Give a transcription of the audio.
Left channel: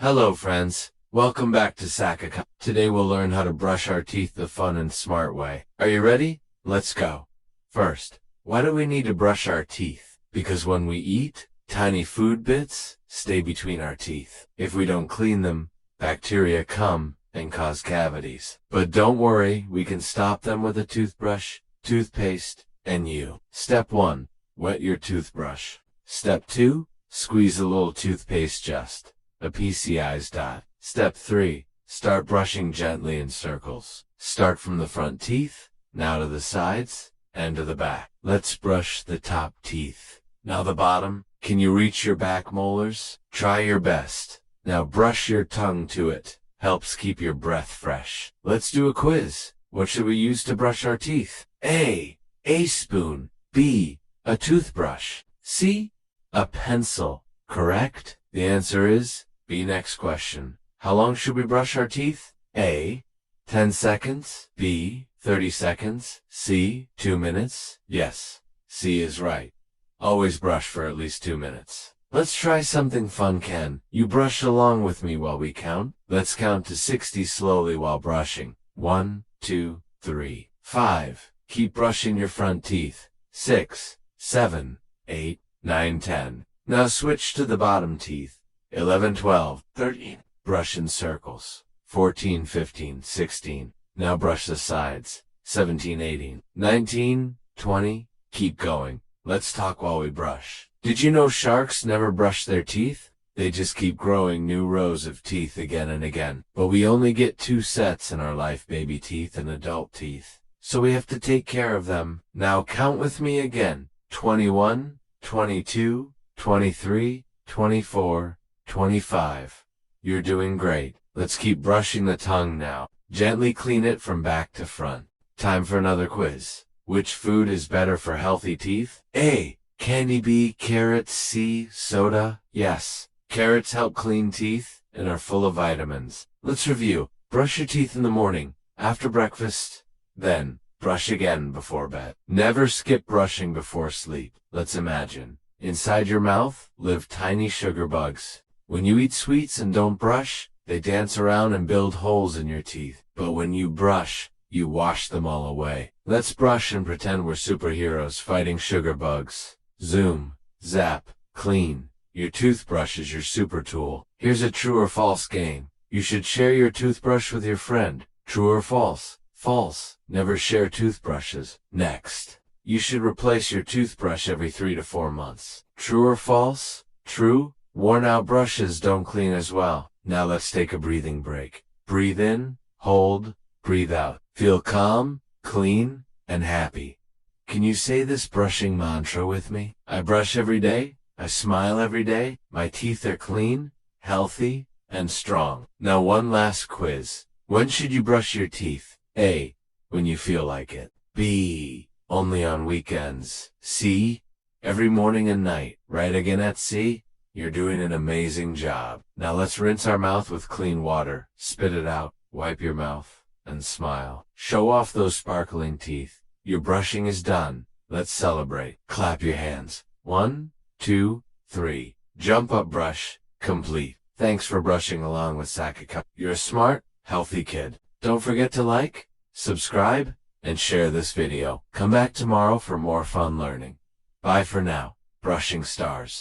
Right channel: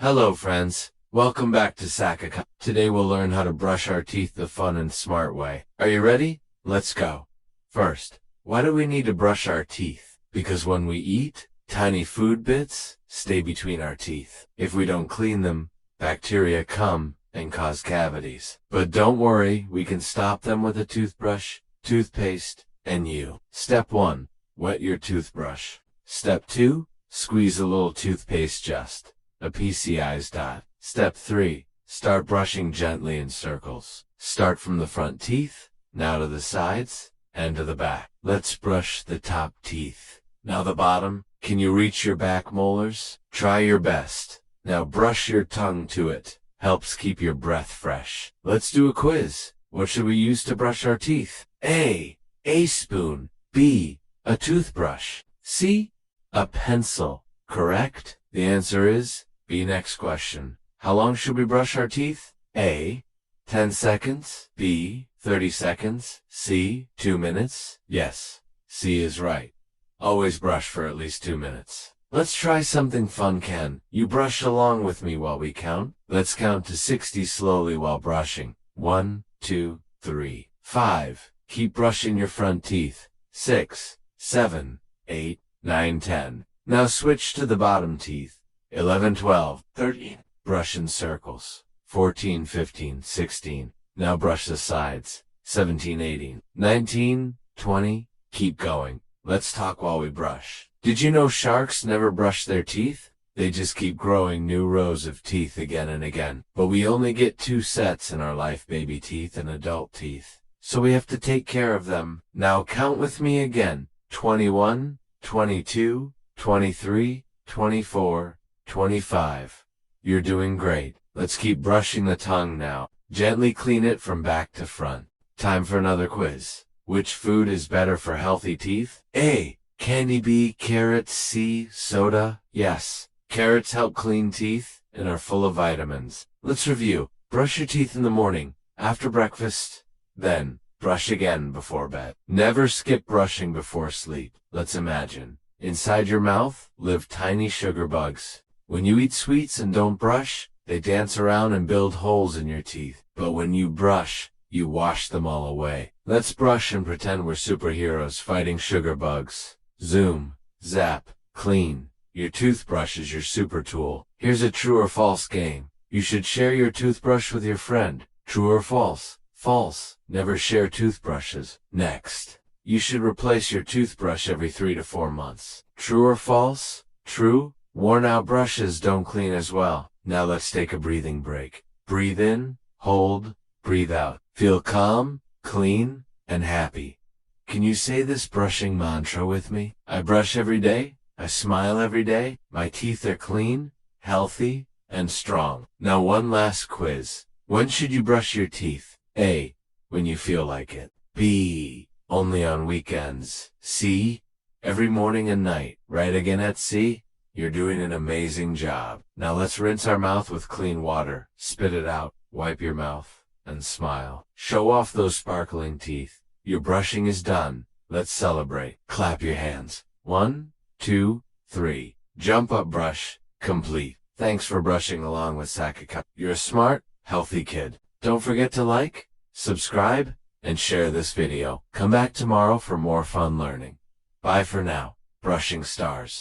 Hello friends, welcome back to Sakha. Today we'll learn how to brush our teeth the fun and smart way. Are you ready? Let's go. First, why do we need to brush our teeth? Because when we eat, tiny food bits stay between our teeth. If we don't clean them, bacteria come and cause cavities. But don't worry, we can stop them with a toothbrush, toothpaste, and you. Step 1. Wet your toothbrush. Step 2. Squeeze a little toothpaste just a pea-sized dot. Step 3. Start brushing gently in circles. Start from the front teeth, now to the sides, and to the back. Let's brush the top teeth. Now the bottom. Can you reach your back molars? Try your best. Now brush your tongue to it. Helps keep your breath fresh. Let's do a quiz. What should we use to brush our teeth? A spoon. B, a toothbrush. C, a pencil. Correct? The answer is B. Next question. How long should we brush our teeth? A, 10 seconds. B, 30 seconds. C, 2 minutes. Yes, C is right. Always brush for at least 2 minutes. Let's try something fun, Ken. You brush along with me while we count. Let's count to 60 slowly while brushing. 1, 2, 3, 5. Keep brushing your front teeth. 6, 7, 8, 9, 10. Now switch to the bottom teeth. 11, 12, 13. Brush in circles. 14, 15, 16. Now brush the sides. 17, 18, 19, 20. Keep going. Let's talk while we brush. Did you know sharks never brush their teeth? They just keep growing new rows of teeth again and again. But we only get 2 sets in our life, baby teeth and adult teeth. So we have to take care of them. Now count with me again. 21, 22, 23, 24, 25. You're doing great. Let's keep brushing the tongue now. Gently clean it from back to front. Time for another quiz. Which food is better for healthy teeth? A, candy. B, carrots. C, soda. Yes, carrots help clean teeth and are full of vitamins. Let's review. Brush your teeth in the morning, after breakfast, then brush again before bed. Never skip brushing before sleep. Let's imagine. Inside your mouth live tiny sugar bugs. When you eat sweets and don't brush, they dance around and build holes in your teeth. But when you brush, you wash them all away. Let's brush and pretend we're superheroes fighting sugar bugs. Zoom, zap, clean. Your toothbrush is your super tool. Here's a true or false game. You should share your toothbrush with your friend. True or false? False. Never share toothbrushes. Next. You should replace your toothbrush every 3 to 4 months. True or false? True. Worn out brushes don't clean as well. Now let's take a breathing break. Breathe in, hold, breathe out. Feel calm, clean, and happy. Can you say this brushing mantra with me? I brush every day. I smile every day. My teeth are clean, healthy, and strong. Now one last quiz. When should you brush your teeth? A, when you feel like it. B, only on weekends. C, every morning and night. Right again at C? You're doing an amazing job. Now let's rinse our mouth with clean water. Spit it out, wipe your mouth, and smile. Show off those sparkling teeth. Your brushing is done. Let's celebrate. Clap your hands. 1, 2, 3. Jump up brush, complete. Thanks for brushing along with Sakha. You're a smart, healthy kid. Don't forget to like, subscribe, and share this video. Come back tomorrow for more fun learning. Bye for now, brushing stars.